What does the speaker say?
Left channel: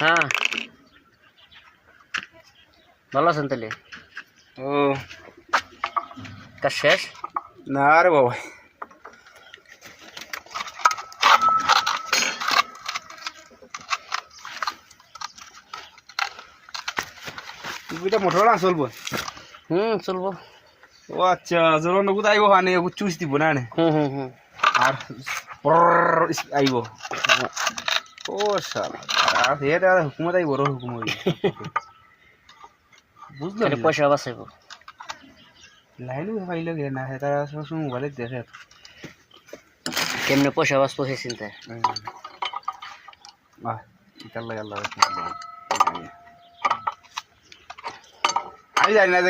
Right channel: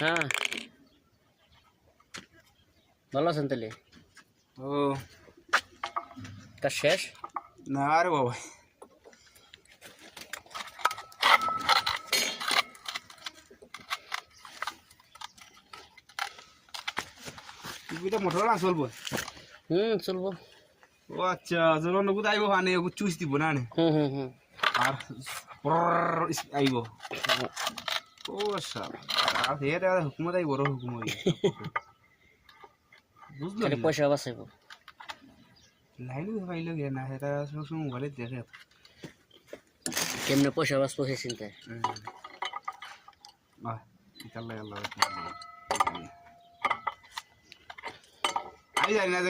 হ্যাঁ ভালো আছেন তাহলে? ও কাজ শেষ? না রে বাবা, এটা মোটর না চলবো? চলবো। ও আচ্ছা, যখন নগদ আইব মানে চুইস দিব না নে আর আইব। ও শালা, আর হেড আর হুকুমত আইব র হুকুম হই বুঝলো তাহলে পয়সা বাঁচাইব। লাইলু পাইল গে না, তারা সবসময় মোবাইলে দেখে। কেমনে পয়সা বাঁচবো সে চিন্তায়। বাহ, ইতার লাগে আল্লাহ আমি জানি না।